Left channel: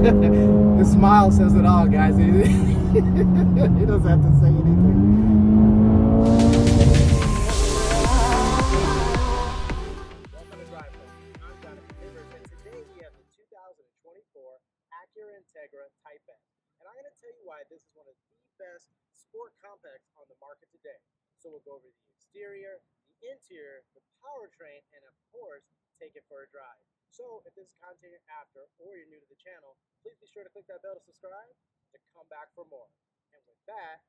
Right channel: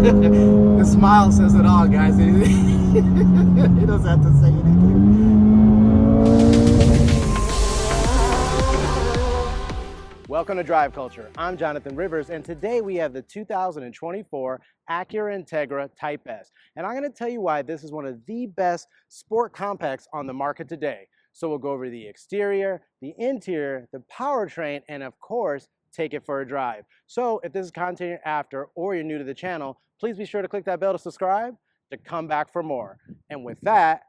The smile says it all, guys. He doesn't have to say anything. Welcome to Drive Culture. I'm Jonathan Rivers, and today we have the 2024 Acura Integra Type S. And I'm going to tell you why this is one of the best sport compacts on the market today. So we'll go over the exterior, the interior, the powertrain, and of course, take it for a drive. So if this is content you're after or you're new to the channel, please be sure to click that bell to subscribe to come back for more. And with that,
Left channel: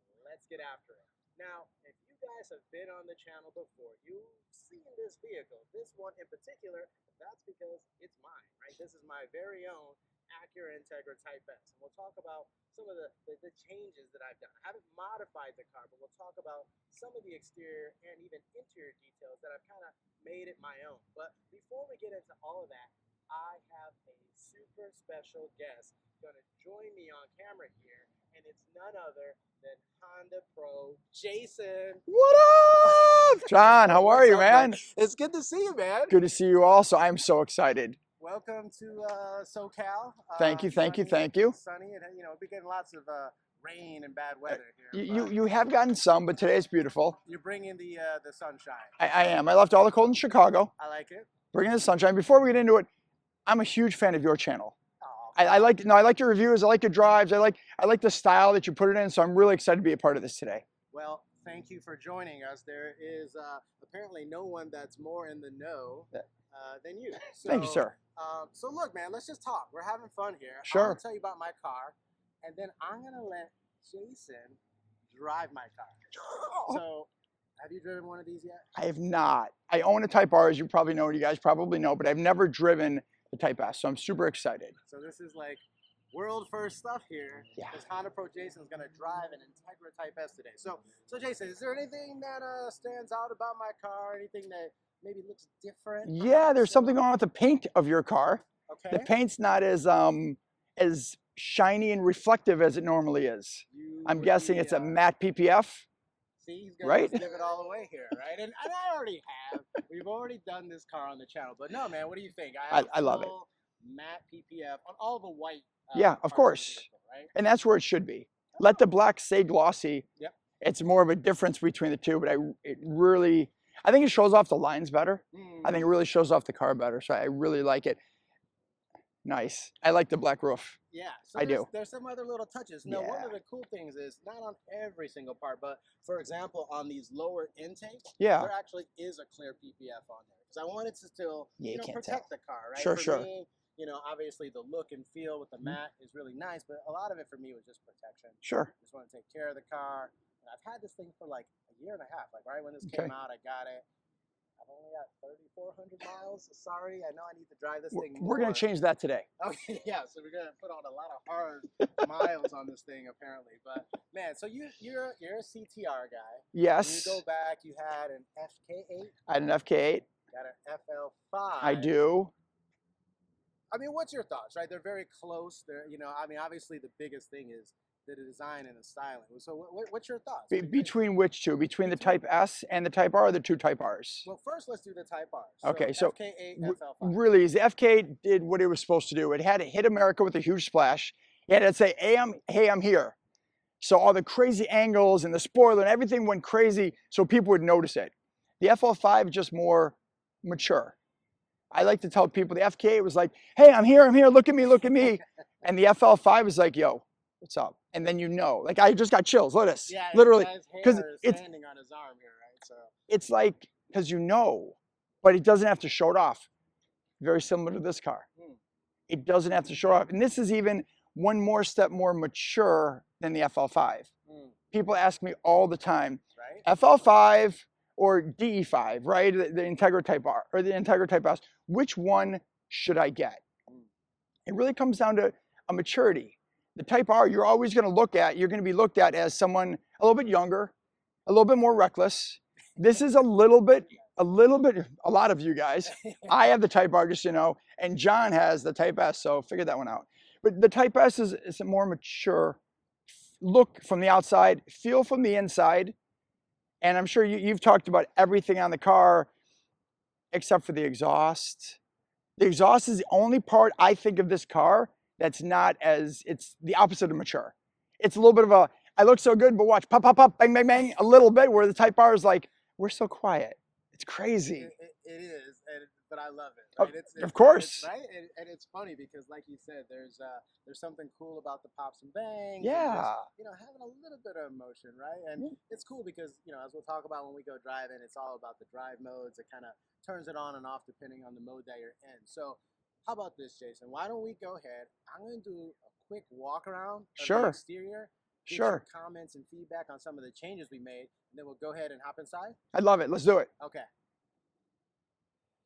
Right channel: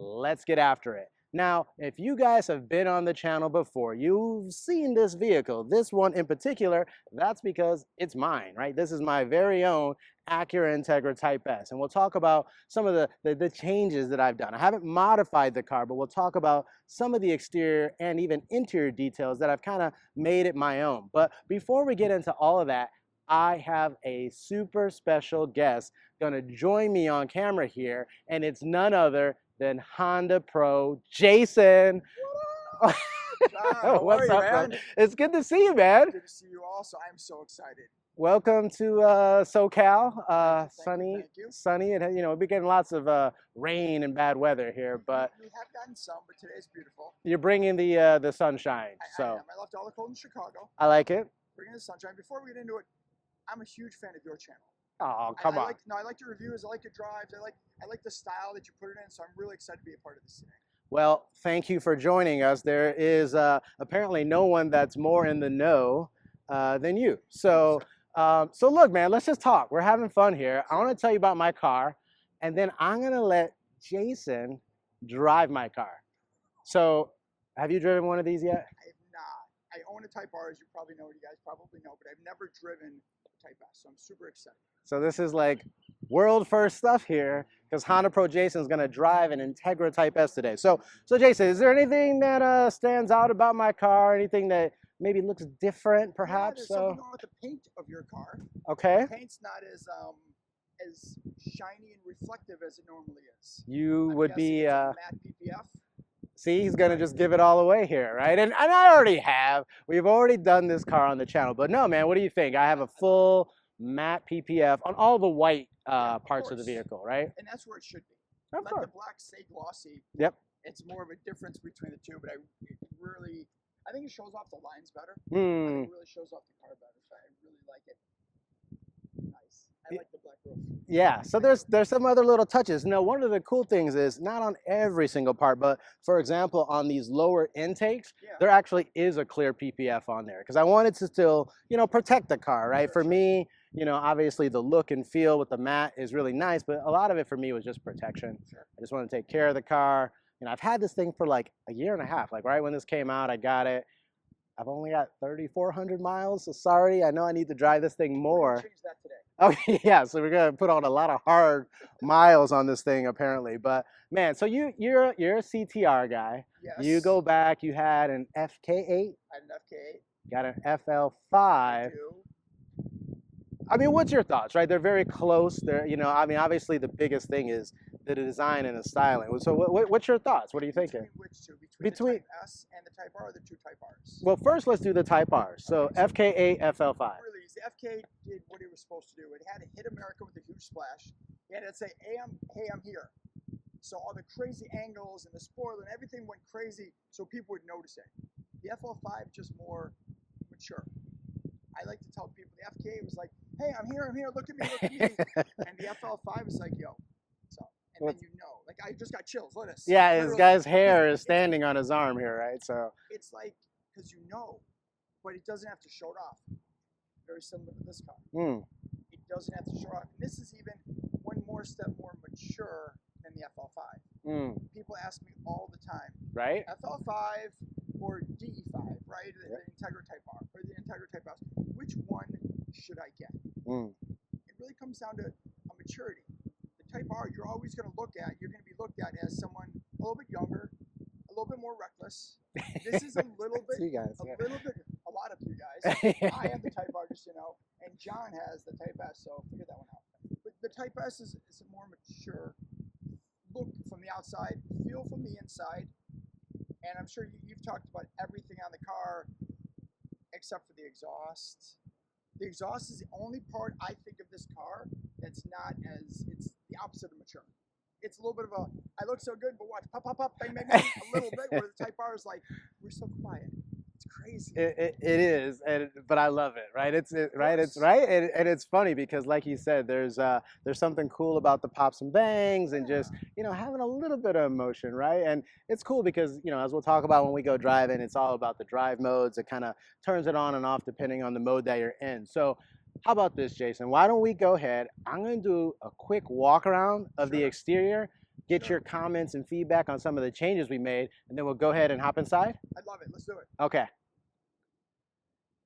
let's get after it. Now, if you guys have been on the channel before, you've seen this vehicle, this one in particular, that's because it's mine, right? This is my very own Acura Integra Type S. And we'll talk about some of the changes that I've done. I haven't modified the car, but we'll talk about some of the exterior and even interior details that I've kind of made it my own. But before we get into all of that, I have a super special guest going to join me on camera here, and it's none other than HondaPro Jason. What up? John, how are you, man? It's good to see you, man. Good to see you also. I'm so excited. Welcome to SoCal. Thank you. Sunny, and you know, we've been getting lots of rain and bad weather here. You have gotten some, but today's beautiful. You're bringing the sunshine. I am. I left all the cold in Chicago. I like it. Bringing the sunshine. Before we get into it, I'm a huge fan of your channel. Oh, I like your reviews. I like your drives. I like the style that you put it in. So I'm really excited to be a part of this today. Well, thank you for joining us. There is apparently no one that's more in the know than you. So, Thank you, sir. So look, man, let's just talk. We're having fun here. Sure. I want to tell you about my car, and then I'm gonna let Jason drive my car. So, have you driven one of these yet? I have not. I own a Type R, as you probably know, you guys probably know, but I've never driven the Type S, so I'm super excited. So this is like world first stuff here, because HondaPro Jason is going to drive an Integra Type S today. So Jason, is there anything that stands out about my car? Anything that maybe looks different? Perhaps? Yeah, there's something going on with the paint of your car. Okay. The paint's not as shiny and reflective as it normally is. I'm guessing it's a matte PPF. See, he's going to just give it all away here, right? And I already have. We've already done this car on the channel. But no, man, what do you think? I have a full matte PPF on all the white parts of the vehicle, right? And that's where it should be. Let the black stay glossy. Yep. It's more of a difference between the two, but I think it shows off the lines better. I think it really shows off the car better, so I really like it. Nice. I like the black roof. Yeah, so there's some other little touches. Now, one of the cool things is not on every single part, but for example, on these lower intakes, there actually is a clear PPF on there because I wanted to still, protect the car, right? For me, obviously the look and feel with the matte is really nice, but a lot of it for me was just protection. Sure. I just want to take care of the car. I've had this thing for like a year and a half. Like right when this came out, I got it. I've only got 3,400 miles, so sorry. I know I need to drive this thing more. We're going to change that today. Okay, yeah, so we're going to put on a lot of hard miles on this thing, apparently. But, man, so you're a CTR guy. Yes. You go back, you had an FK8. I had an FK8. Got an FL5. I do. I mean, what's your thoughts, right? They're very close. They're, obviously the biggest thing is the design and the styling. So what's your thoughts? What do you think? Between which two? Between the Type S and the Type R, or the two Type Rs? Well, first let's do the Type R. So, okay, so FK8, FL5. Really, the FK8 did what it was supposed to do. It had to hit America with a huge splash. It had to say, hey, I'm here. So all the crazy angles and the spoiler and everything went crazy so people would notice it. The FL5 is just more mature. I like to tell people the FK8 was like, hey, I'm here, look at me. And the FL5 is like, yo, what's up? And then like I just got chills, look at this. Yeah, literally, this guy's hair is standing on his arm here, right? So it's like, because but it doesn't have to show it off. Very similar to this car. It doesn't have to show off. And this is even one more step more mature than the FL5. People ask me all the time, right? FL5 or DE5, right? The Integra Type R or the Integra Type S. Which one should I get? It really comes down to a maturity. The Type R, you're always going to be looked at as someone a little bit younger, a little bit more reckless. This is a little bit, a lot of you guys. I have the Type R, just and John has the Type S, so figure that one out. But the Type S is a more mature look from the outside, feel from the inside. And I'm sure you've talked about everything on the car except for the exhaust. The exhaust is the only part I think of this car that's not as, it's the opposite of mature. It's a little bit of a, I look so good, but watch, pop, pop, pop, bang, bang, bang, a little bit, where the Type R is like, we're so quiet. It's crazy. It is, but I love it, right? Of Right, it's course. right, and it's funny because, like you said, there's something cool about the pops and bangs, and just Yeah. having a little bit of emotion, right? And it's cool because as we'll talk about when we go driving, it's all about the drive modes. It kind of turns it on and off depending on the mode that you're in. So, how about this, Jason? Why don't we go ahead? I'm going to do a quick walk around of the Sure. exterior. Get your Sure. comments and feedback on some of the changes we made, and then we'll go ahead and hop inside. I love it. Let's do it. Okay.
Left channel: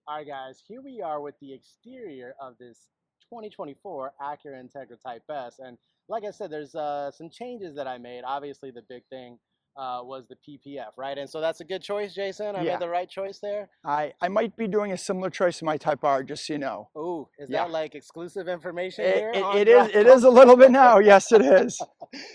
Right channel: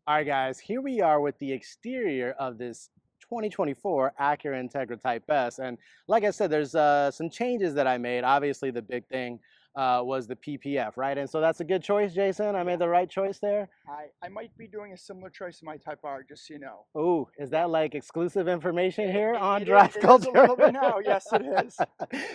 All right, guys, here we are with the exterior of this 2024 Acura Integra Type S. And like I said, there's some changes that I made. Obviously, the big thing was the PPF, right? And so that's a good choice, Jason. I Yeah. made the right choice there. I might be doing a similar choice in my Type R, just so you know. Ooh, is Yeah. that like exclusive information It, here? it, on it Drive is. It is a little bit now. Yes, it is.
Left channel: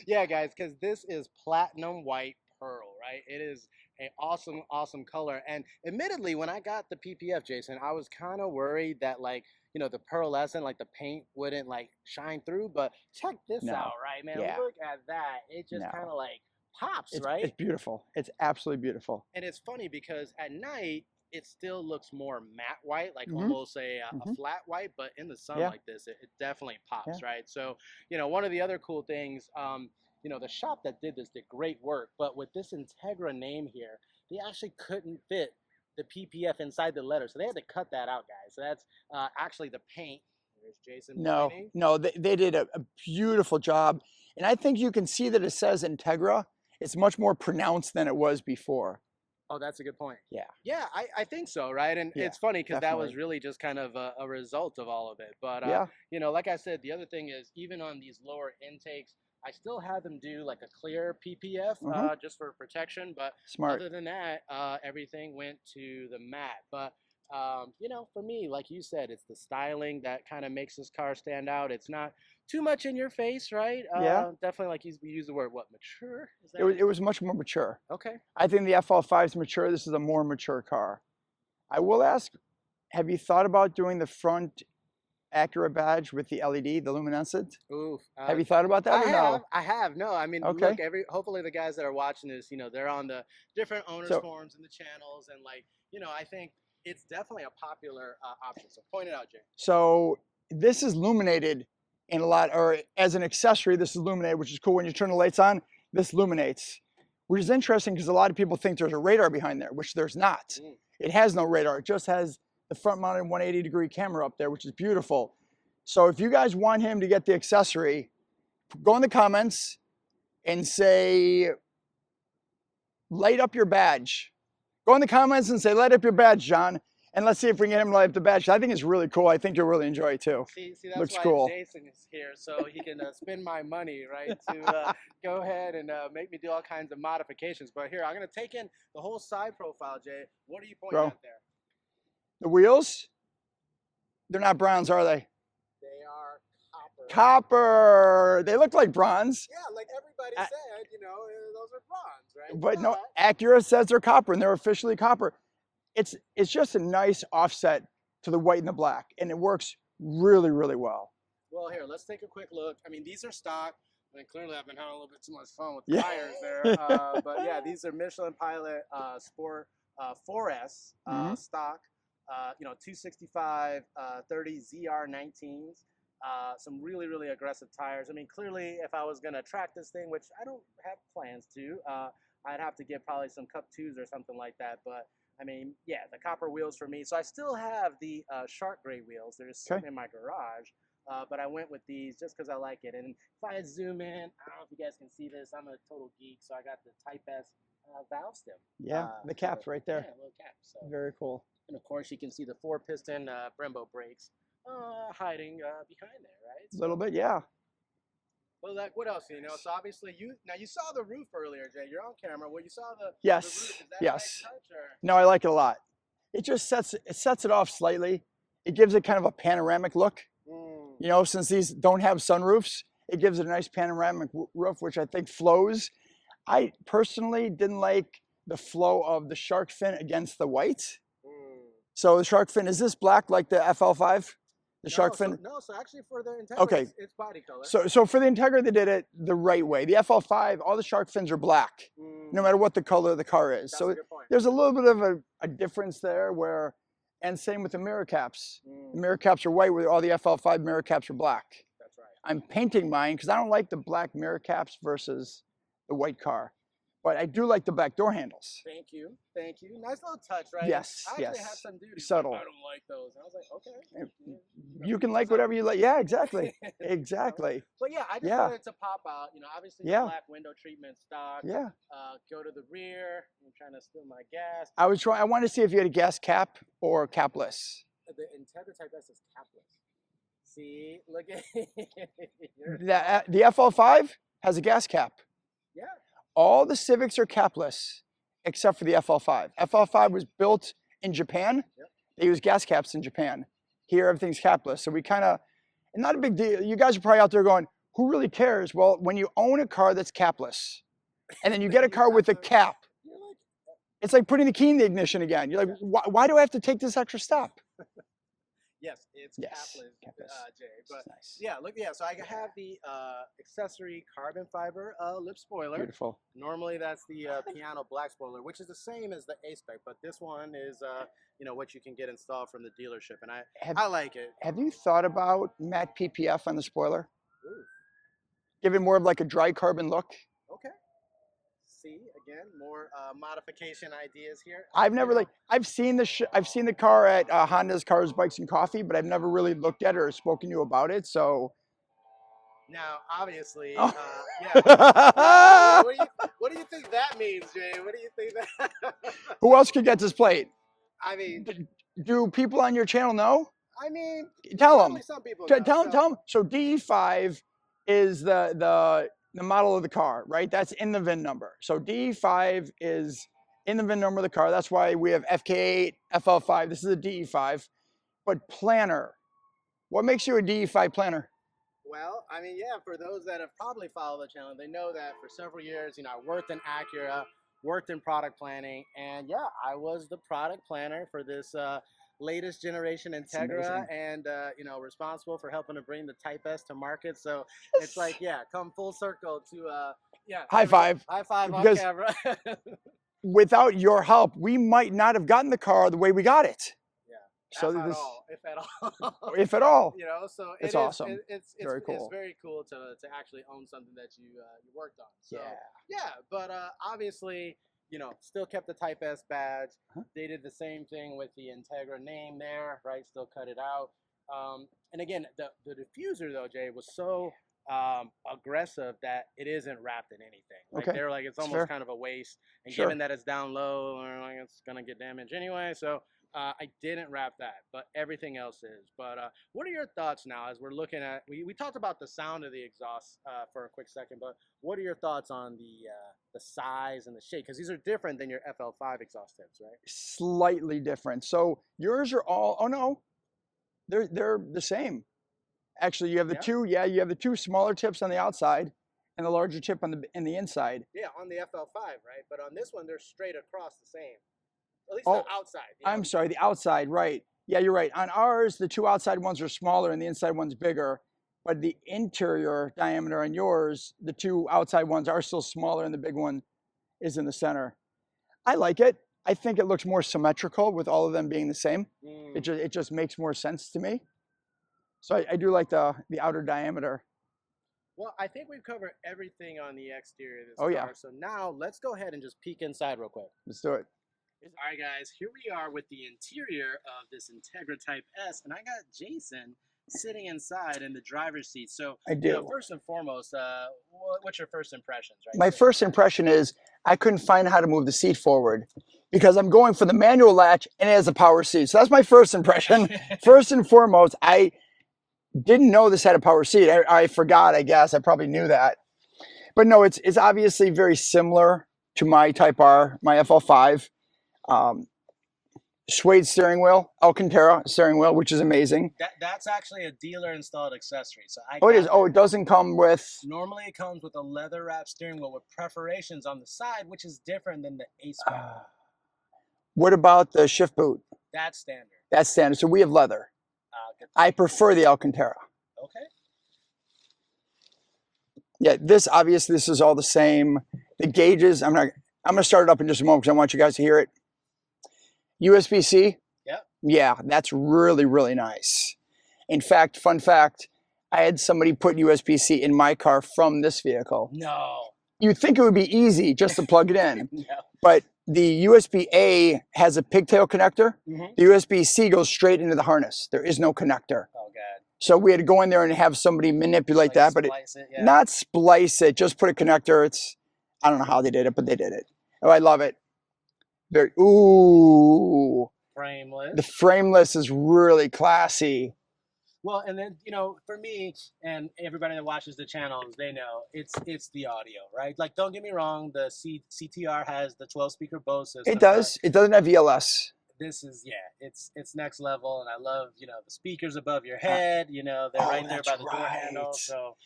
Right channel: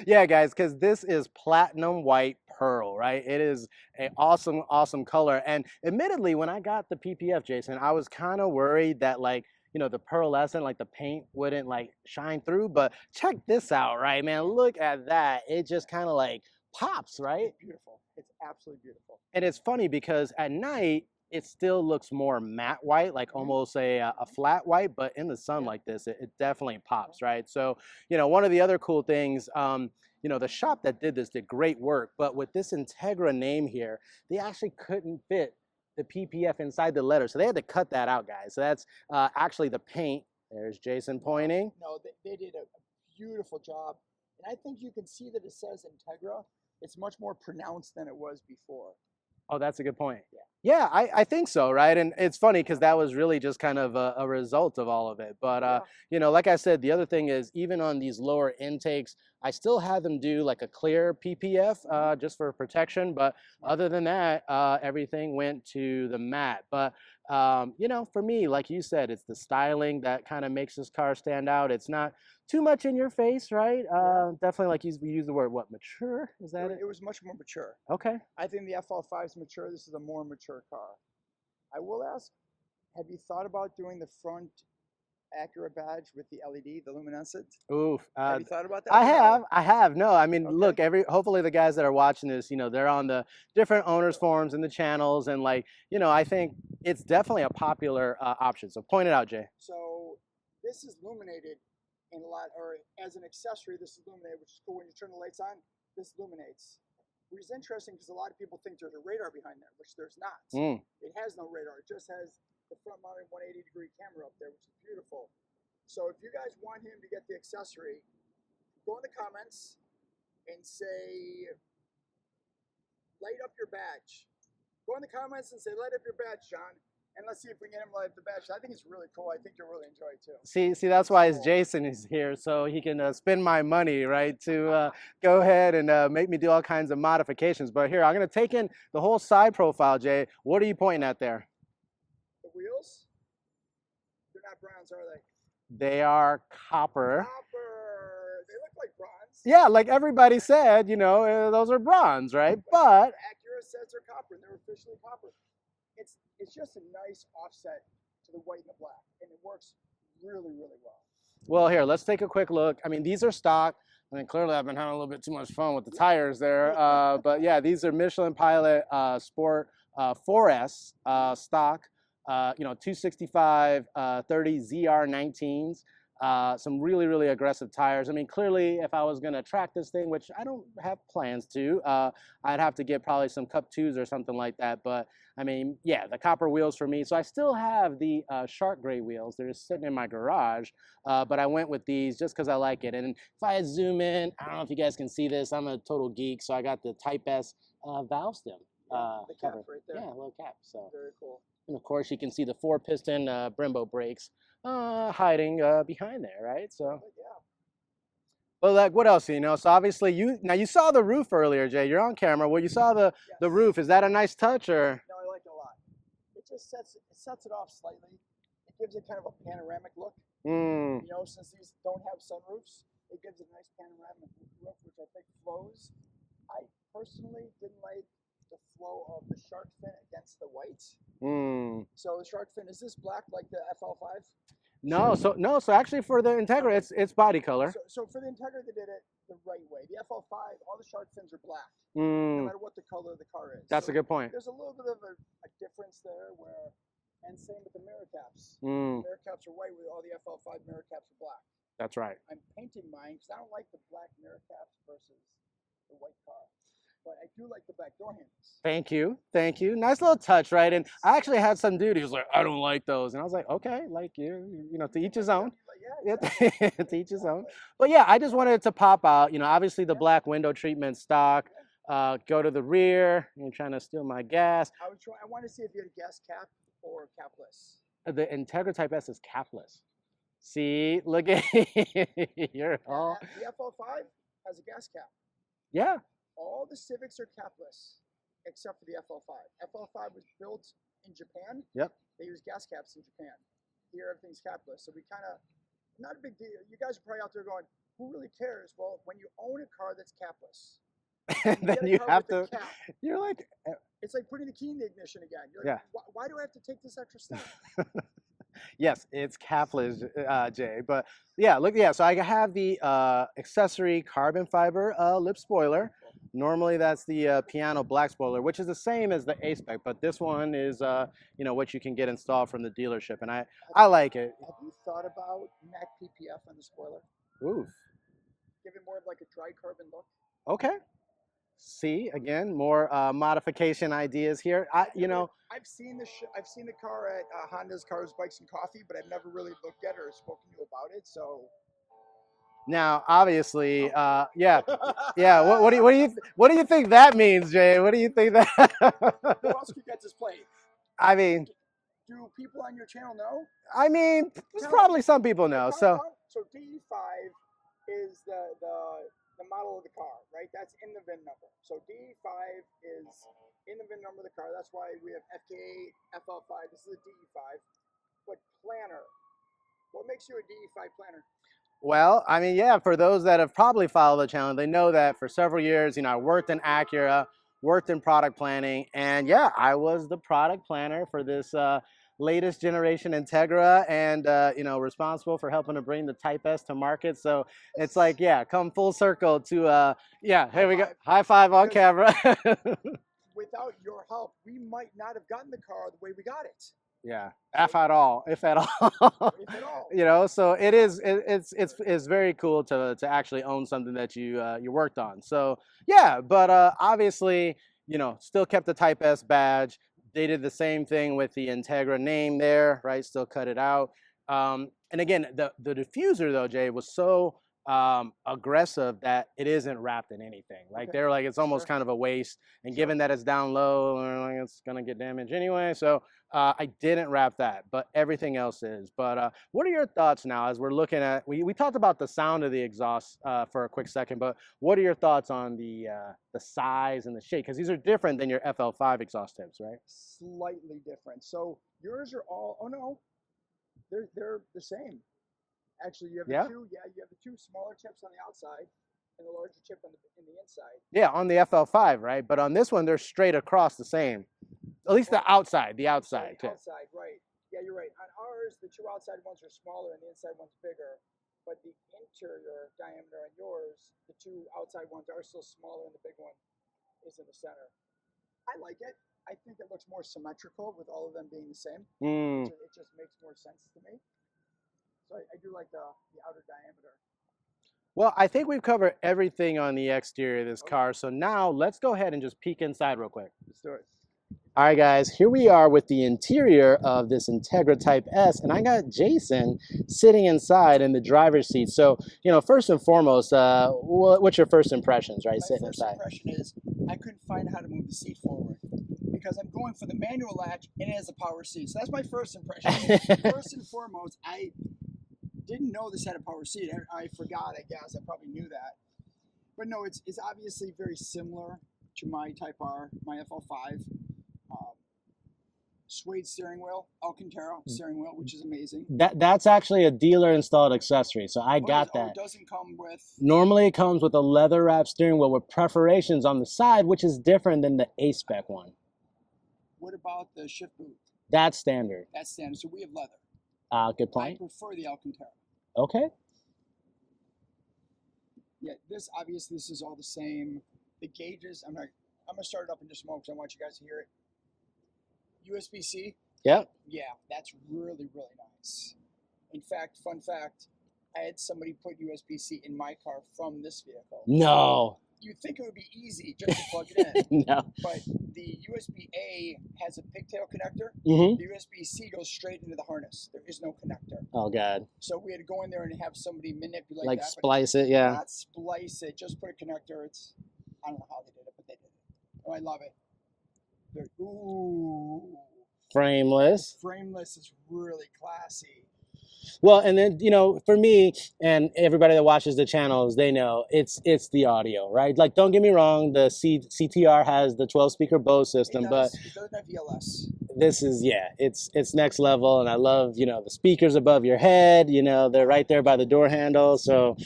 Yeah, guys, because this is platinum white pearl, right? It is an awesome, awesome color. And admittedly, when I got the PPF, Jason, I was kind of worried that the pearlescent, like the paint wouldn't like shine through. But check this No. out, right, man? Yeah. Look at that. It just No. kind of like pops, right? It's beautiful. It's absolutely beautiful. And it's funny because at night, it still looks more matte white, like almost a flat white, but in the sun Yeah. like this, it definitely pops, right? So, one of the other cool things, the shop that did this did great work, but with this Integra name here, they actually couldn't fit the PPF inside the letter. So they had to cut that out, guys. So that's actually the paint. There's Jason pointing. No, they did a beautiful job. And I think you can see that it says Integra. It's much more pronounced than it was before. Oh, that's a good point. Yeah. Yeah, I think so, right? And Yeah, it's funny because that was definitely. really just kind of a result of all of it. But, Yeah. like I said, the other thing is even on these lower intakes, I still had them do like a clear PPF just for protection. But Smart. other than that, everything went to the matte. But, for me, like you said, it's the styling that kind of makes this car stand out. It's not too much in your face, right? Yeah. Definitely, like you use the word, what, mature? Is that It was much more mature. Okay. I think the FL5 is mature. This is a more mature car. I will ask, have you thought about doing the front Acura badge with the LED, the luminescent? Oof. Have you thought about that? I have. No, I mean, Okay. look, hopefully the guys that are watching this, they're on the different owners forums and the channels. And I think it's definitely a popular option. So point it out, Jay. So this is illuminated in a lot, or as an accessory, this is illuminated, which is cool. When you turn the lights on, this illuminates, which is interesting because a lot of people think there's a radar behind there, which there's not. It has no radar. It just has the front mounted 180-degree camera up there, which is beautiful. So if you guys want him to get the accessory, go in the comments and say, light up your badge. Go in the comments and say, light up your badge, John. And let's see if we can get him to light up the badge. I think it's really cool. I think you'll really enjoy it too. See, that's why Jason is here, so he can spend my money, right, to go ahead and make me do all kinds of modifications. But here, I'm going to take in the whole side profile, Jay. What are you pointing at there? The wheels, they're not bronze, are they? They are copper. Copper. They look like bronze. Yeah, like everybody said, those are bronze, right? But no, Acura says they're copper, and they're officially copper. It's just a nice offset to the white and the black, and it works really, really well. Well, here, let's take a quick look. I mean, these are stock. I mean, clearly I've been having a little bit too much fun with the tires there. But yeah, these are Michelin Pilot Sport 4S stock. 265 30 ZR19s. Some really, really aggressive tires. I mean, clearly, if I was going to track this thing, which I don't have plans to, I'd have to get probably some Cup 2s or something like that. But I mean, yeah, the copper wheels for me. So I still have the shark gray wheels. They're just sitting in my garage. But I went with these just because I like it. And if I zoom in, I don't know if you guys can see this. I'm a total geek. So I got the Type S valve stem. Yeah, the cap's right there. Yeah, little cap. So very cool. And of course, you can see the 4-piston Brembo brakes hiding behind there, right? A little bit, yeah. Well, like, what else? So obviously you saw the roof earlier, Jay. You're on camera. Well, you saw the roof. Is that a nice touch, or? No, I like it a lot. It just sets it off slightly. It gives it kind of a panoramic look. Since these don't have sunroofs, it gives it a nice panoramic roof, which I think flows. I personally didn't like the flow of the shark fin against the white. So the shark fin, is this black like the FL5? The shark fin. So actually for the Integra, Okay. it's body color. So for the Integra, they did it the right way. The FL5, all the shark fins are black, no matter what the color of the car is. That's so a good point. There's a little bit of a difference there where, and same with the mirror caps. The mirror caps are white, where all the FL5 mirror caps are black. That's right. I'm painting mine because I don't like the black mirror caps versus the white car. But I do like the back door handles. Thank you. Thank you. Nice little touch, right? Yes, And I actually had yes. some dude who was like, Subtle. I don't like those. And I was like, okay, like you know, You to can each like his own. whatever you like. Yeah, exactly. To each his own. Exactly. But yeah, I just Yeah. wanted it to pop out. You know, obviously the Yeah. black window treatment stock. Yeah. Go to the rear. You're trying to steal my gas. I wanted to see if you had a gas cap or capless. The Integra Type S is capless. See, look at The FL5 has a gas cap. Yeah. All the Civics are capless except for the FL5. FL5 was built in Japan. Yep. They use gas caps in Japan. Here, everything's capless. So we kind of, not a big deal. You guys are probably out there going, who really cares? Well, when you own a car that's capless, and then you get a car with a cap, you're like, it's like putting the key in the ignition again. You're like, why do I have to take this extra step? yes, it's capless, Jay. But yeah, look, yeah. So I have the accessory carbon fiber lip spoiler. Beautiful. Normally that's the piano black spoiler, which is the same as the A-Spec, but this one is you know, what you can get installed from the dealership, and I like it. Have you thought about matte PPF on the spoiler? Ooh. Give it more of like a dry carbon look. Okay. See, again, more modification ideas here. I've never I've seen the car at Honda's Cars, Bikes, and Coffee, but I've never really looked at it or spoken to you about it. So now, obviously, yeah. What do you think that means, Jay? What do you think that? Who else could get this plate? I mean, do people on your channel know? I mean, tell probably them. some people know. Tell them. So DE5 is the model of the car, right? That's in the VIN number. So DE5 is in the VIN number of the car. That's why we have FK8, FL5. This is a DE5. But planner, what makes you a DE5 planner? Well, I mean, yeah, for those that have probably followed the channel, they know that for several years, you know, I worked in Acura, worked in product planning, and yeah, I was the product planner for this latest generation Integra, and you know, responsible for helping to bring the Type S to market. So it's like, yeah, come full circle to yeah, high five on camera. Without your help, we might not have gotten the car the way we got it. Yeah, so if at all, if at all, you know. So it's awesome. It's very cool to actually own something that you worked on. So yeah, but obviously, you know, still kept the Type S badge. They did the same thing with the Integra name there, right? Still cut it out. And again, the diffuser though, Jay, was so aggressive that it isn't wrapped in anything. Like they're like, it's almost kind of a waste. And given that it's down low, like it's gonna get damaged anyway. So I didn't wrap that, but everything else is. But what are your thoughts now as we're looking at, we talked about the sound of the exhaust for a quick second, but what are your thoughts on the size and the shape? Because these are different than your FL5 exhaust tips, right? Slightly different. So yours are all, oh no, they're the same. Actually, you have the you have the two smaller tips on the outside and the larger tip on the inside. Yeah, on the FL5, right? But on this one, they're straight across the same. At least the outside. I'm sorry, the outside, right. Yeah, you're right. On ours, the two outside ones are smaller and the inside one's bigger. But the interior diameter on yours, the two outside ones are still smaller and the big one is in the center. I like it. I think it looks more symmetrical with all of them being the same. It just makes more sense to me. So I do like the outer diameter. Well, I think we've covered everything on the exterior of this car. Yeah. So now let's go ahead and just peek inside real quick. Let's do it. All right, guys, here we are with the interior of this Integra Type S, and I got Jason sitting inside in the driver's seat. So, you know, first and foremost, what's your first impressions, right? My first impression is I couldn't find how to move the seat forward because I'm going for the manual latch and it has a power seat. So that's my first impression. First and foremost, I didn't know this had a power seat. I forgot, I guess. I probably knew that. But no, it's obviously very similar to my Type R, my FL5. Suede steering wheel, Alcantara steering wheel, which is amazing. That's actually a dealer installed accessory. So it doesn't come with. Normally it comes with a leather wrapped steering wheel with perforations on the side, which is different than the A-Spec one. What about the shift boot? That's standard. That's standard. So we have leather. Good I point. prefer the Alcantara. Okay. Yeah, this obviously this is all the same. The gauges, I'm gonna start it up in just a moment because I want you guys to hear it. USB-C, Yep. yeah, that's really, really nice. In fact, fun fact, I had somebody put USB-C in my car from this vehicle. No. You'd think it would be easy just to plug it in, No. but the USB-A has a pigtail connector. Mm-hmm. The USB-C goes straight into the harness. There is no connector. Oh God. So we had to go in there and have somebody manipulate Like that, but splice it, yeah. not splice it, just put a connector. It's, I don't know how they did it, but they did it. Oh, I love it. Very, ooh. Frameless. The frameless is really classy. Well, and then, you know, for me and everybody that watches the channels, they know it's the audio, right? Like, don't get me wrong, the CTR has the 12-speaker Bose system. It does. It doesn't have VLS. This is, yeah, it's next level, and I love, you know, the speakers above your head, you know, they're right there by the door handle. So,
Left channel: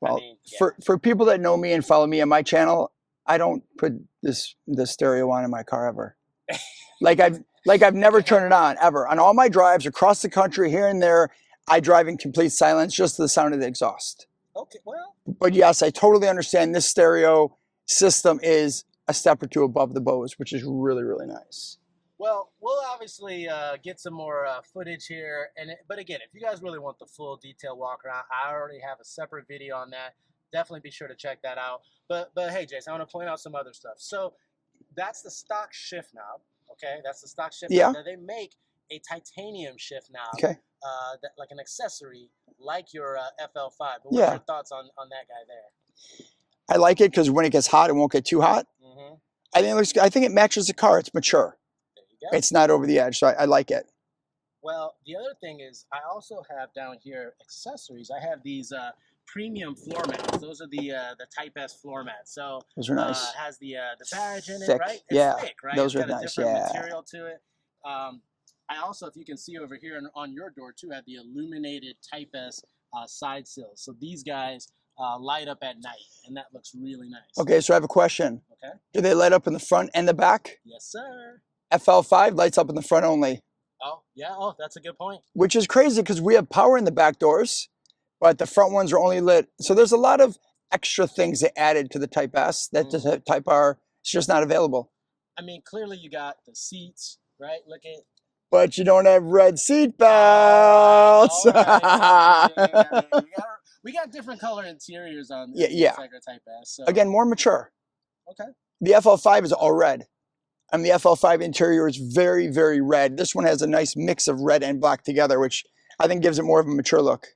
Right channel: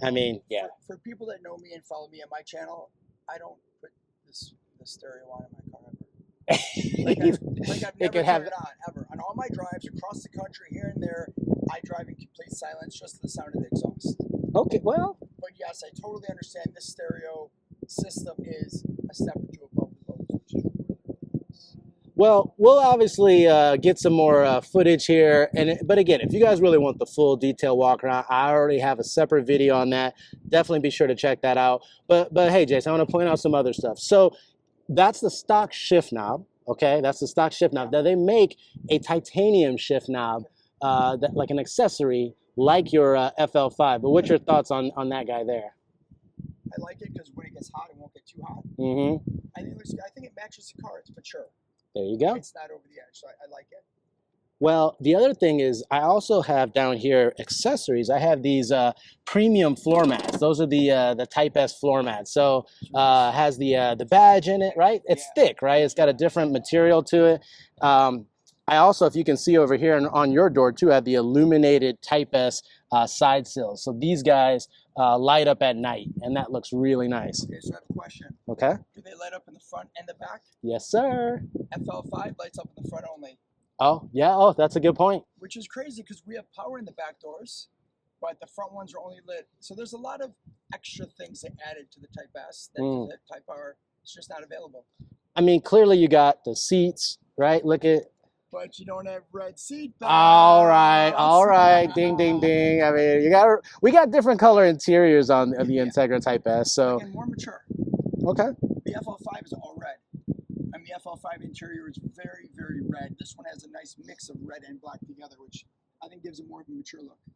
well, I mean, yeah. For people that know me and follow me on my channel, I don't put the stereo on in my car ever. Like I've never turned it on ever. On all my drives across the country, here and there, I drive in complete silence, just to the sound of the exhaust. Okay, well. But yes, I totally understand this stereo system is a step or two above the Bose, which is really, really nice. Well, we'll obviously get some more footage here, but again, if you guys really want the full detail walk around, I already have a separate video on that. Definitely be sure to check that out. But hey, Jason, I want to point out some other stuff. So that's the stock shift knob. Okay, that's the stock shift knob. Now they make a titanium shift knob, that, like an accessory, like your FL5. But what's your thoughts on that guy there? I like it because when it gets hot, it won't get too hot. Mm-hmm. I think it looks good. I think it matches the car. It's mature. There you go. It's not over the edge, so I like it. Well, the other thing is I also have down here accessories. I have these premium floor mats. Those are the Type S floor mats. So nice. Has the badge in it, right? It's thick, right? It's got a different material to it. I also, if you can see over here on your door too, have the illuminated Type S side sills. So these guys light up at night, and that looks really nice. Okay, so I have a question. Okay. Do they light up in the front and the back? Yes, sir. FL5 lights up in the front only. Oh, yeah. Oh, that's a good point. Which is crazy because we have power in the back doors, but the front ones are only lit. So there's a lot of extra things they added to the Type S that the Type R is just not available. I mean, clearly you got the seats, right? Look at. But you don't have red seat belts. All right, ding, ding, ding. I mean, we got different color interiors on the Integra Type S. So again, more mature. Okay. The FL5 is all red. I mean, the FL5 interior is very, very red. This one has a nice mix of red and black together, which I think gives it more of a mature look.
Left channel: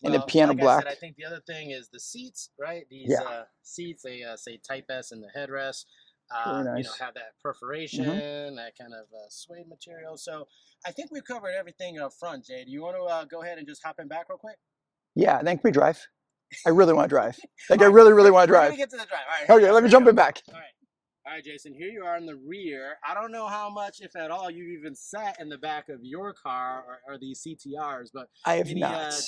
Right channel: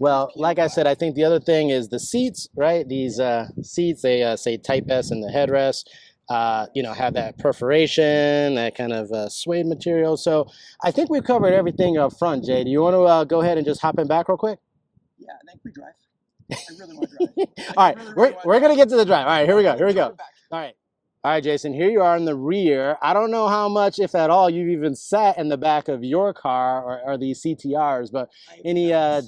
Well, like I said, I think the other thing is the seats, right? These seats, they say Type S in the headrest. You know, have that perforation, that kind of suede material. So I think we've covered everything up front, Jay. Do you want to go ahead and just hop in back real quick? Yeah, then can we drive? I really want to drive. Like, I really want to drive. We're going to get to the drive. All right, here we go. Let me jump it back. All right. All right, Jason, here you are in the rear. I don't know how much, if at all, you've even sat in the back of your car or these CTRs, but any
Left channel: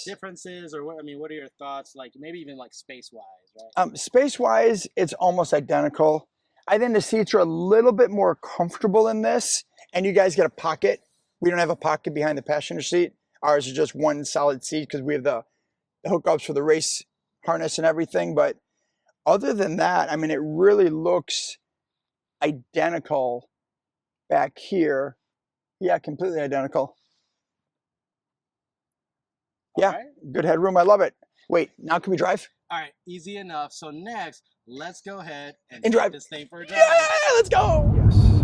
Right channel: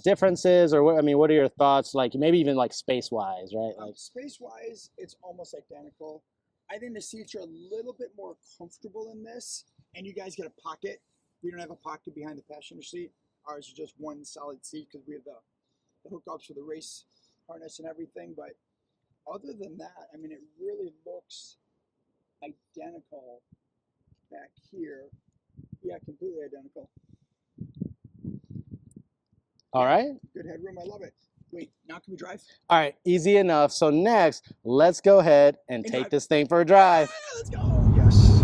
differences or what, I mean, what are your thoughts? Like maybe even like space-wise, right? Space-wise, it's almost identical. I think the seats are a little bit more comfortable in this, and you guys get a pocket. We don't have a pocket behind the passenger seat. Ours is just one solid seat because we have the hookups for the race harness and everything. But other than that, I mean, it really looks identical back here. Yeah, completely identical. All right. Good headroom. I love it. Wait, now can we drive? All right, easy enough. So next, let's go ahead and take this thing for a drive. Yeah, let's go. Yes.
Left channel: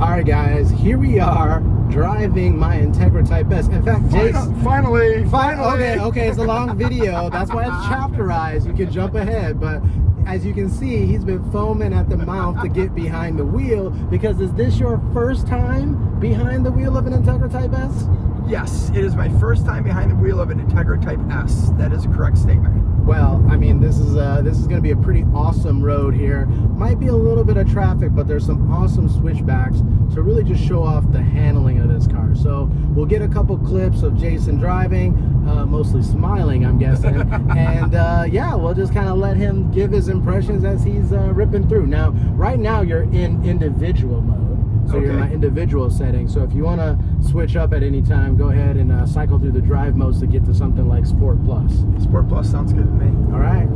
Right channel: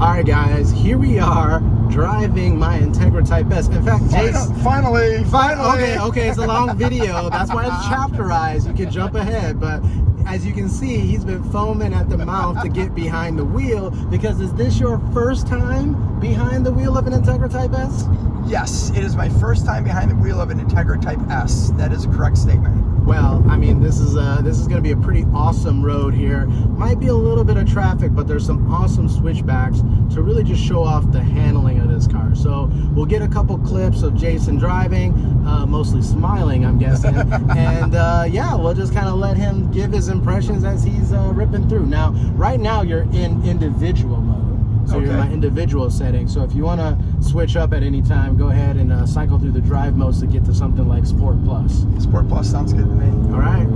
All right, guys, here we are driving my Integra Type S. In fact, Jason. Finally. Okay, it's a long video. That's why it's chapterized. You can jump ahead, but as you can see, he's been foaming at the mouth to get behind the wheel because is this your first time behind the wheel of an Integra Type S? Yes, it is my first time behind the wheel of an Integra Type S. That is a correct statement. Well, I mean, this is going to be a pretty awesome road here. Might be a little bit of traffic, but there's some awesome switchbacks to really just show off the handling of this car. So we'll get a couple clips of Jason driving, mostly smiling, I'm guessing. And yeah, we'll just kind of let him give his impressions as he's ripping through. Now, right now you're in individual mode. So you're in my individual setting. So if you want to switch up at any time, go ahead and cycle through the drive modes to get to something like Sport Plus. Sport Plus sounds good to me. All right.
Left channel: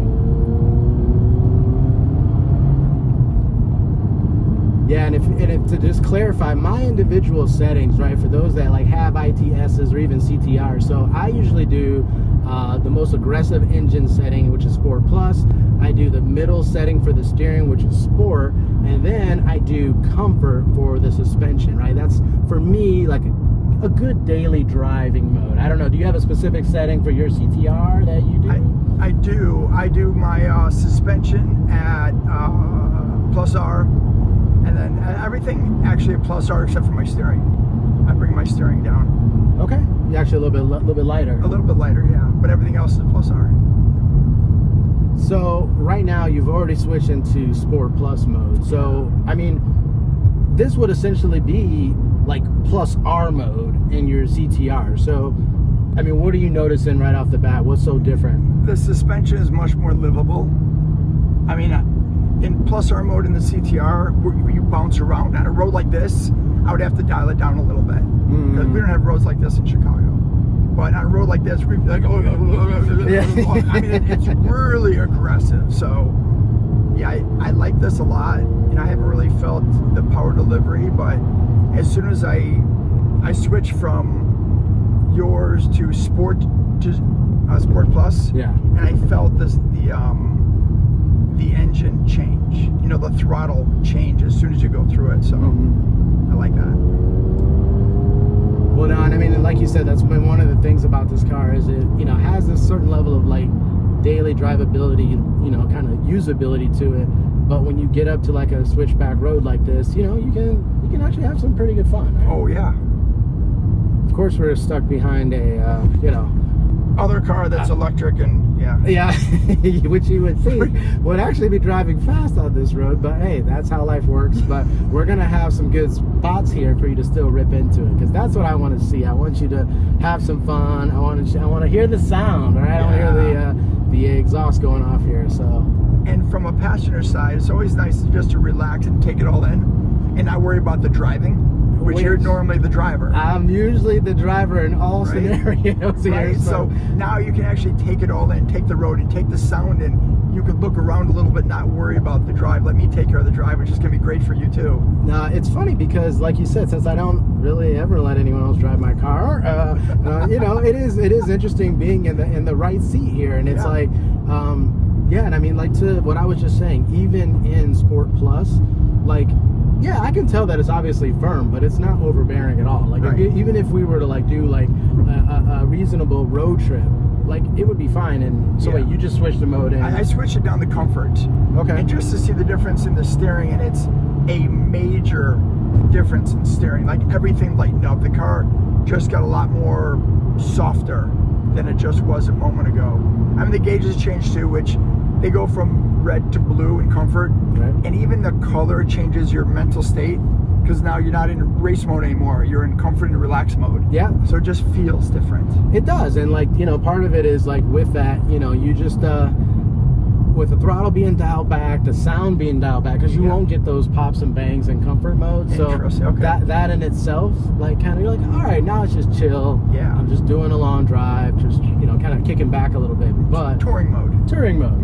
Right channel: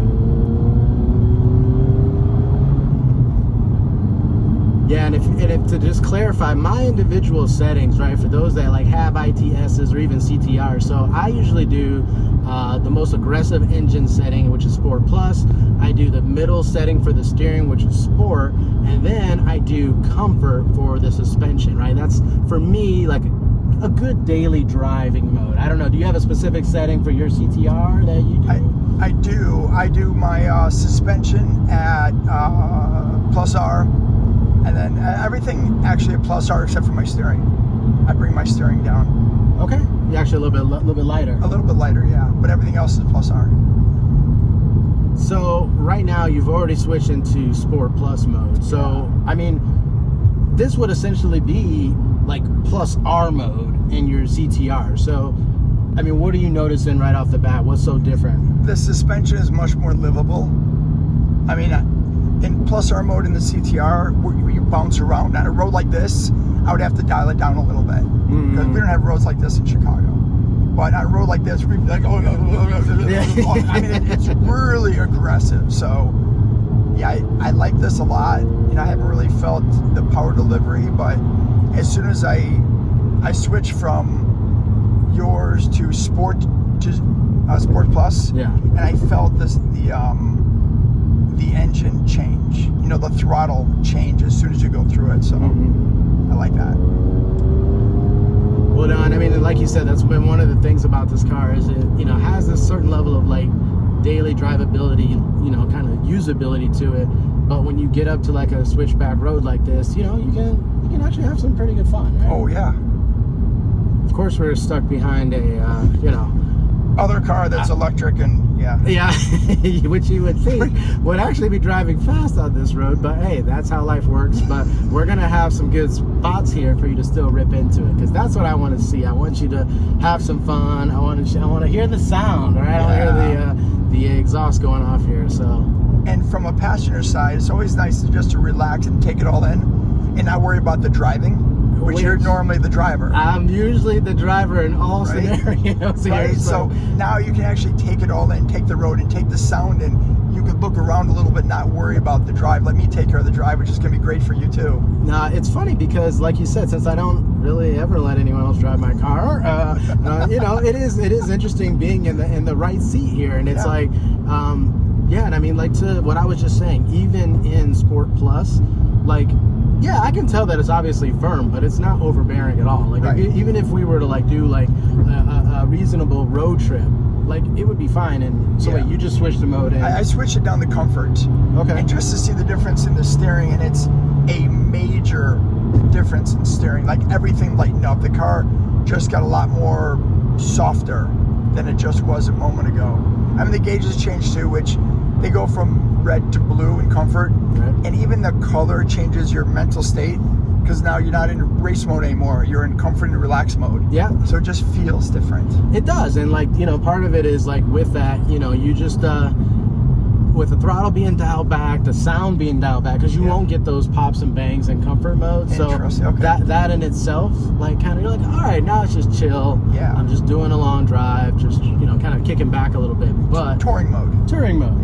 Yeah, and if to just clarify, my individual settings, right, for those that like have ITSs or even CTR, so I usually do the most aggressive engine setting, which is Sport Plus. I do the middle setting for the steering, which is Sport, and then I do comfort for the suspension, right? That's, for me, like a good daily driving mode. I don't know, do you have a specific setting for your CTR that you do? I do my suspension at plus R, and then everything actually at plus R except for my steering. I bring my steering down. Okay, you're actually a little bit lighter. A little bit lighter, yeah, but everything else is plus R. So right now you've already switched into Sport Plus mode. So I mean, this would essentially be like plus R mode in your CTR. So I mean, what are you noticing right off the bat? What's so different? The suspension is much more livable. I mean, in plus R mode in the CTR, where you bounce around on a road like this, I would have to dial it down a little bit because we don't have roads like this in Chicago. But on a road like this, we'd be like, oh, I mean, it's really aggressive. So, yeah, I like this a lot. You know, I haven't really felt the power delivery, but as soon as I switch from yours to Sport Plus, yeah, and I felt the engine change. You know, the throttle change as soon as you go through it. So, I like that. Well, no, and I mean, like you said, that's been one of the things about this car is it, you know, has this certain level of like daily drivability, you know, kind of usability to it. But when you get up to like a switchback road like this, you know, you can actually have some pretty good fun. Right? Oh yeah. Of course, we're stuck behind a, you know, other car that's electric and yeah, which you would think would actually be driving fast on this road, but hey, that's how life works. But we're gonna have some good spots here for you to still rip into it, because that's what I want to see. I want you to have some fun. I want to hear the sound, right? I want to hear the exhaust going off here. So, and from a passenger side, it's always nice just to relax and take it all in and not worry about the driving, which you're normally the driver. I'm usually the driver in all scenarios here. Right. So now you can actually take it all in, take the road and take the sound, and you can look around a little bit, not worry about the drive. Let me take care of the drive, which is going to be great for you too. Nah, it's funny because, like you said, since I don't really ever let anyone else drive my car, you know, it is interesting being in the right seat here, and it's like, yeah, and I mean, like to what I was just saying, even in Sport Plus, like, yeah, I can tell that it's obviously firm, but it's not overbearing at all. Like, even if we were to like do like a reasonable road trip, like it would be fine. And so wait, you just switched the mode in. I switched it down to comfort. Okay. And just to see the difference in the steering, and it's a major difference in steering. Like everything lightened up. The car just got a lot more softer than it just was a moment ago. I mean, the gauges changed too, which they go from red to blue in comfort, and even the color changes your mental state, because now you're not in race mode anymore, you're in comfort and relax mode. Yeah, so it just feels different. It does. And like, you know, part of it is like with that, you know, you just with the throttle being dialed back, the sound being dialed back, because you won't get those pops and bangs in comfort mode. So that in itself, like, kind of, you're like, all right, now it's just chill. Yeah, I'm just doing a long drive, just, you know, kind of kicking back a little bit. But touring mode,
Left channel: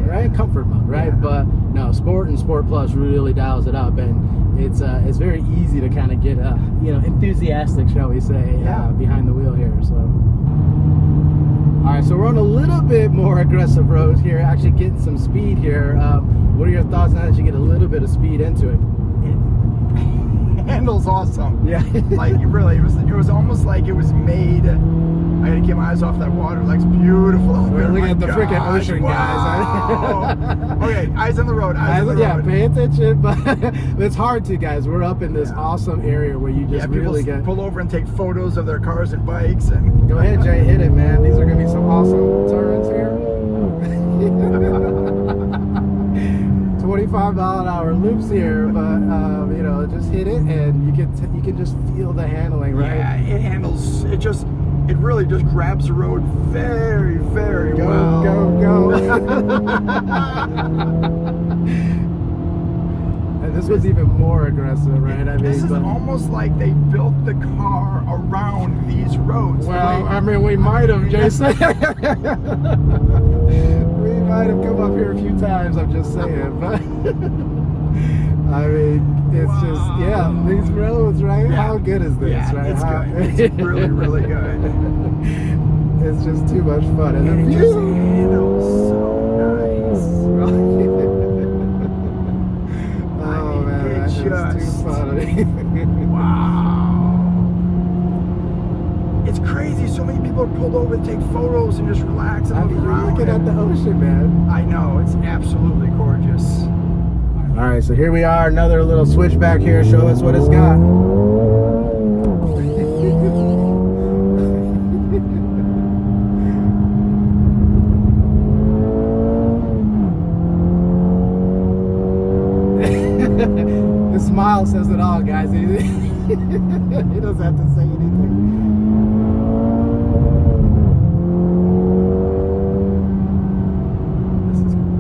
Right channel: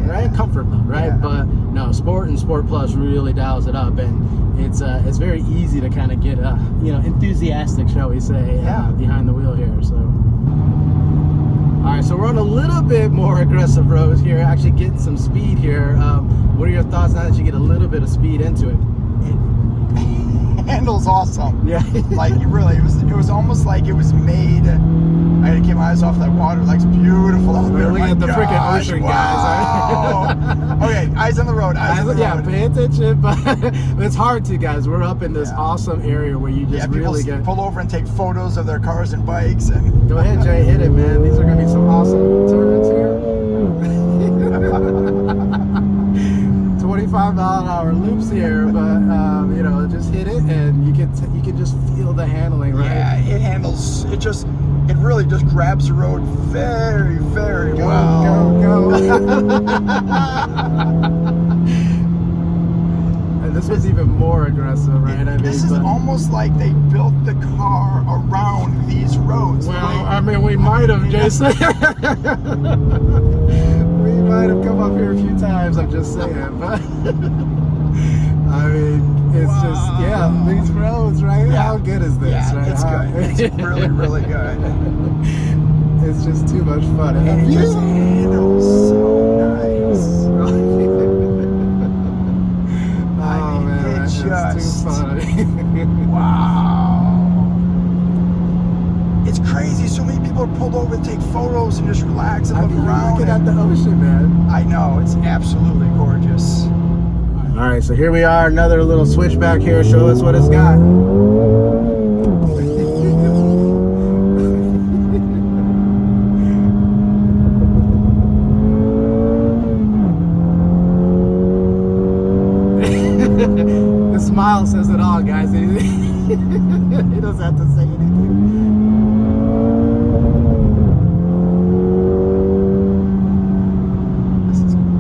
right? Comfort mode, right? But no, Sport and Sport Plus really dials it up, and it's very easy to kind of get you know, enthusiastic, shall we say, behind the wheel here. So. All right, so we're on a little bit more aggressive road here, actually getting some speed here. What are your thoughts now that you get a little bit of speed into it? It handles awesome. Yeah. Like, really, it was almost like it was made. I had to keep my eyes off that water. Like, it's beautiful out there. We got the freaking ocean, guys. Okay, eyes on the road. Eyes on the road. Yeah, pay attention, but it's hard to, guys. We're up in this awesome area where you just really get pull over and take photos of their cars and bikes. And go ahead, Jay, hit it, man. These are gonna be some awesome turns here. 25-mile-an-hour loops here, but you know, just hit it, and you can just feel the handling, right? Yeah, it handles. It really just grabs the road very, very well. Go. And this was even more aggressive, right? I mean, this is almost like they built the car around these roads. Well, I mean, we might have, Jason. We might have come up here a few times, I'm just saying. But I mean, it's just, yeah, these roads, right? Yeah. How good is this, Yeah, right? it's good. It's really, really good. It's just too much fun. And And the it just view. handles so nice. Oh man, that's just too funny. Wow. It's crazy. So many people are pulled over to take photos and just relax and I look mean, you're around. looking at the ocean, man. I know. It's absolutely gorgeous. All right, so here we are, another little switchback here. Show us what it's got. The smile says it all, guys. He doesn't have to say anything. This is cool.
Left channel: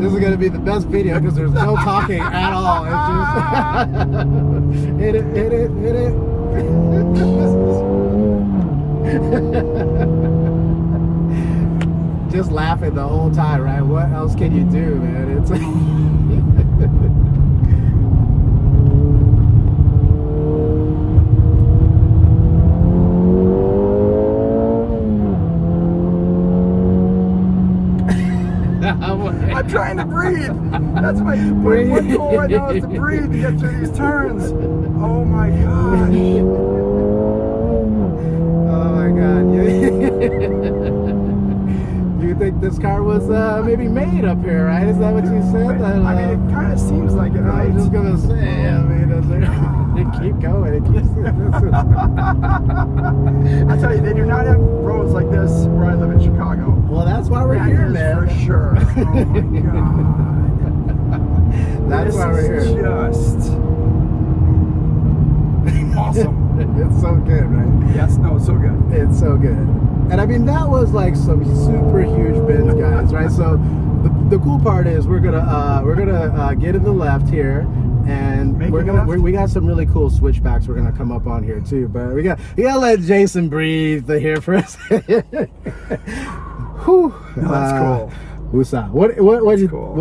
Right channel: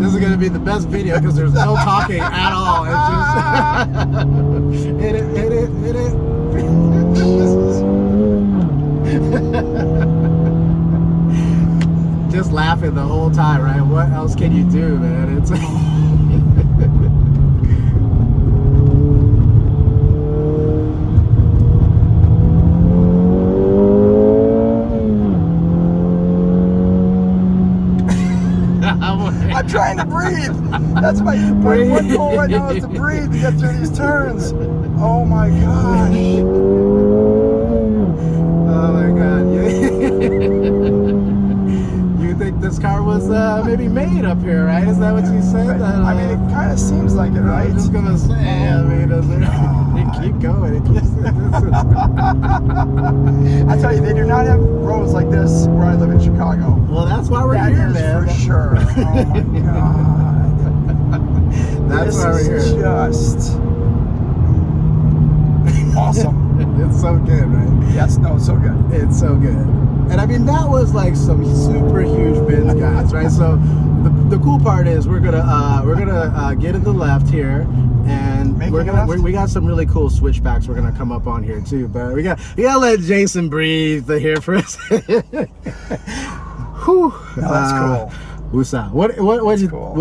This is gonna be the best video because there's no talking at all. It's just hit it, hit it, hit it. Just laughing the whole time, right? What else can you do, man? It's I'm trying to breathe. That's my one goal right now is to breathe to get through these turns. Oh my gosh. Oh my god. You think this car was maybe made up here, right? Is that what you said? I mean, it kind of seems like it, I right? was just gonna say, I mean, it keep going. It keeps. I tell you, they do not have roads like this where I live in Chicago. Well, that's why we're That here, is man. for sure. Oh my god. That's why we're This here. is just awesome. It's so good, right? Yes, no, it's so good. It's so good. And I mean, that was like some super huge bends, guys, right? So the cool part is we're gonna get in the left here, and we got some really cool switchbacks we're gonna come up on here too. But we gotta let Jason breathe here for a second. Whew. No, that's cool. Woosah. What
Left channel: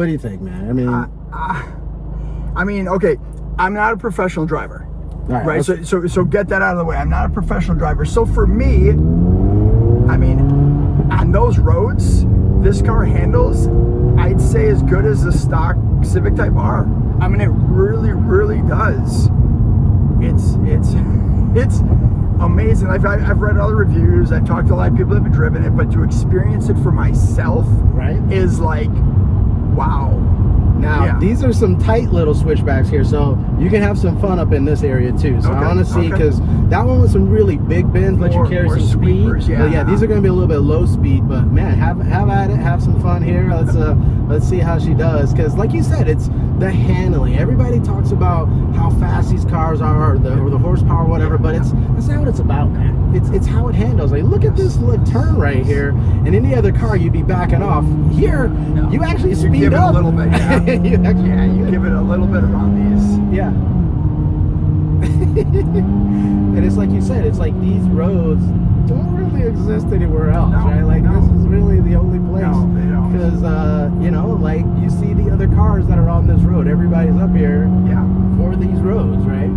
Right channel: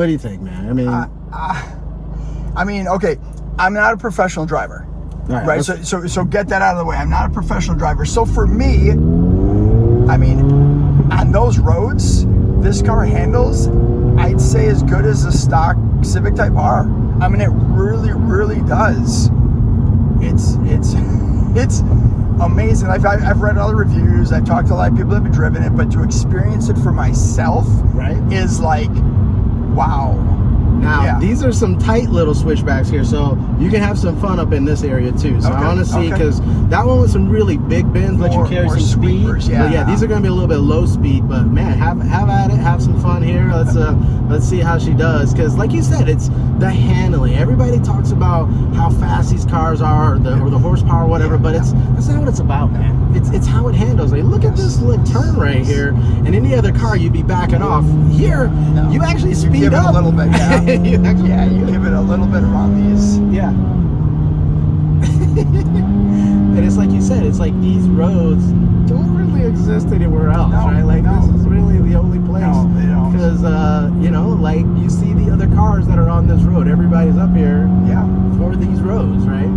do you think, man? I mean, okay, I'm not a professional driver, right? So get that out of the way. I'm not a professional driver. So for me, I mean, on those roads, this car handles, I'd say, as good as the stock Civic Type R. I mean, it really, really does. It's amazing. I've read other reviews. I've talked to a lot of people that have driven it, but to experience it for myself, right, is like, wow. Now, these are some tight little switchbacks here, so you can have some fun up in this area too. So I want to see, because that one with some really big bends let you carry some speed. Yeah. But yeah, these are going to be a little bit low speed, but man, have at it, have some fun here. Let's see how she does, because like you said, it's the handling. Everybody talks about how fast these cars are, or the horsepower, or whatever, but that's not what it's about, man. It's how it handles. Like, look at this little turn right here. In any other car, you'd be backing off. Here, you actually speed up a little bit. Yeah. you give it a little bit around these. Yeah. And it's like you said, it's like these roads don't really exist anywhere else, right? Like this is really the only place. No, they don't. Because you know, like you see the other cars that are on this road. Everybody's up here for these roads, right?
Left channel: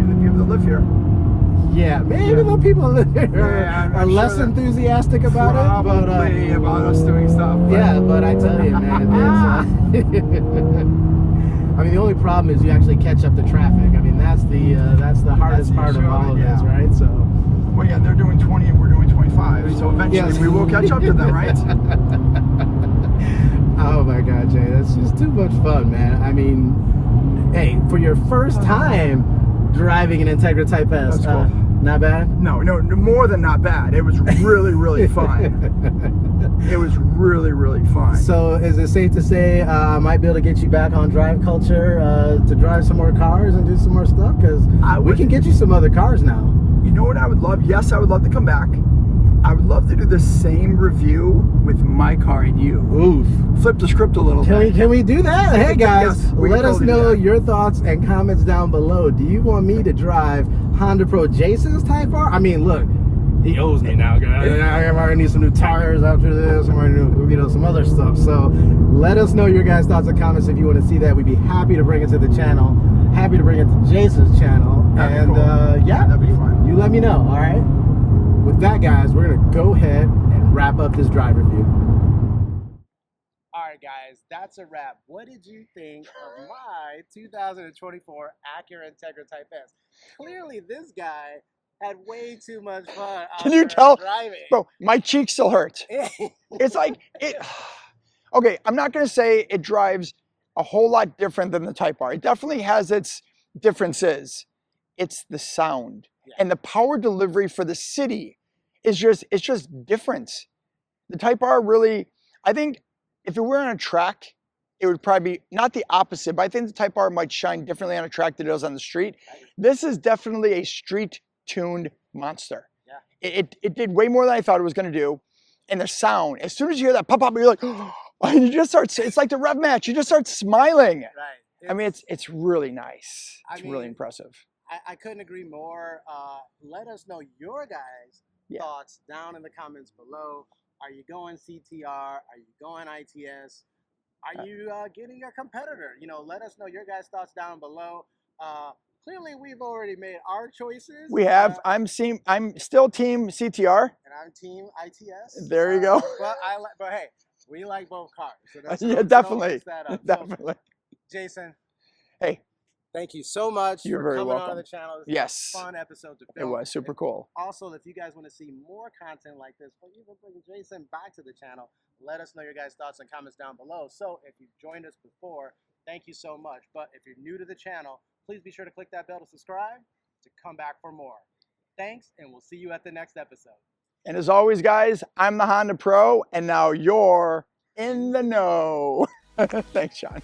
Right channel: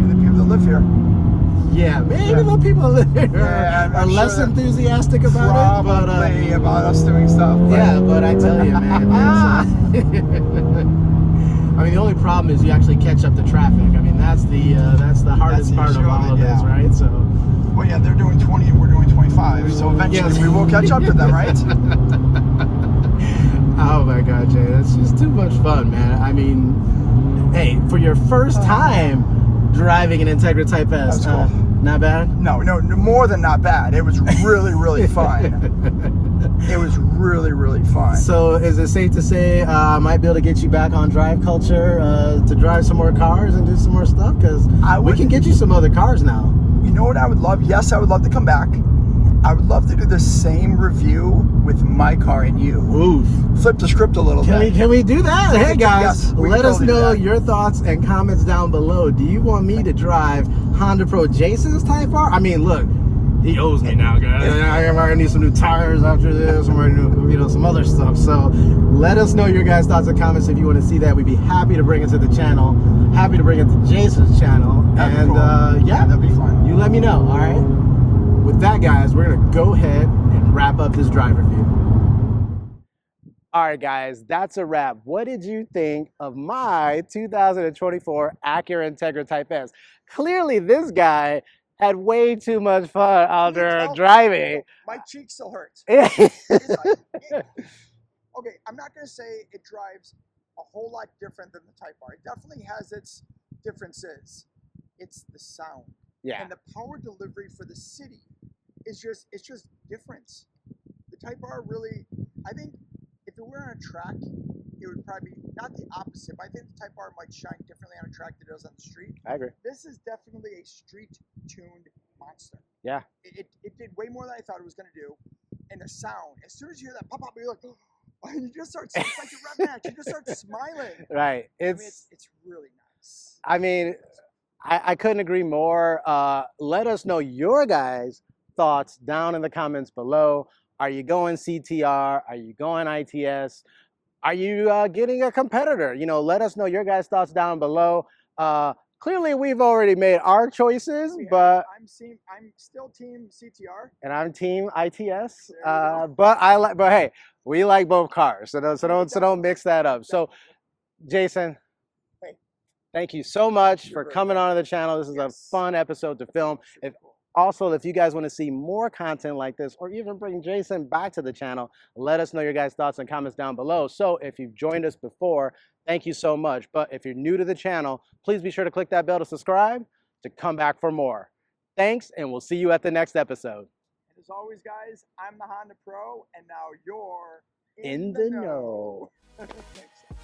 Even the people that live here. Yeah, maybe the people that live here are less enthusiastic about it, but about us doing stuff. Yeah, but I tell you, man, I mean, the only problem is you actually catch up to traffic. I mean, that's the hardest part of all of this, right? So, well, yeah, they're doing 20 and we're doing 25, so eventually we will catch up to them, right? Oh my God, Jay, that's just too much fun, man. I mean, hey, for your first time driving an Integra Type S, cool. Not bad? No, more than not bad. It was really, really fun. It was really really, really fun. So is it safe to say I might be able to get you back on Drive Culture to drive some more cars and do some more stuff? Because we can get you some other cars now. You know what I would love? Yes, I would love to come back. I would love to do the same review with my car and you. Oof. Flip the script a little bit. Can we do that? Hey guys, Yes, let us know your thoughts and comments down below. Do you want me to drive HondaPro Jason's Type R? I mean, look, he owes me now, guys. I might need some new tires after this, or some other stuff. So let us know your guys' thoughts and comments if you want to see that. We'd be happy to bring it to the channel. Happy to bring it to Jason's channel. That'd be cool. Yeah, that'd be fun. You let me know, all right? With that, guys, we're going to go ahead and wrap up this drive review. All right, guys, that's a wrap. What did you think of my 2024 Acura Integra Type S? Clearly, this guy had way too much fun out there driving. Bro, my cheek still hurts. It's like, okay, I'm not going to say it drives a whole lot different than the Type R. It definitely has its differences. It's the sound. Yeah. And the power delivery for the city is it's just different. The Type R really, I think if it were on a track, it would probably be not the opposite, but I think the Type R might shine differently on a track than it does on the street. I agree. This is definitely a street-tuned monster. Yeah. It did way more than I thought it was going to do. And the sound, as soon as you hear that pop up, you're like, oh, and you just start, it's like the rev match. You just start smiling. Right. I mean, it's really nice. It's really impressive. I couldn't agree more. Let us know your guys' thoughts down in the comments below. Are you going CTR? Are you going ITS? Are you getting a competitor? You know, let us know your guys' thoughts down below. Clearly, we've already made our choices. We have. I'm still team CTR, and I'm team ITS. There you go. But hey, we like both cars, so don't mix that up. Definitely. So, Jason, hey, thank you so much for coming welcome. on the channel. This is a fun episode to film. It was super cool. Also, if you guys want to see more content like this, or even bring Jason back to the channel, let us know your guys' thoughts and comments down below. So if you've joined us before, thank you so much. But if you're new to the channel, please be sure to click that bell to subscribe to come back for more. Thanks, and we'll see you at the next episode. And as always, guys, I'm the Honda Pro, and now you're in the know. Thanks, Sean.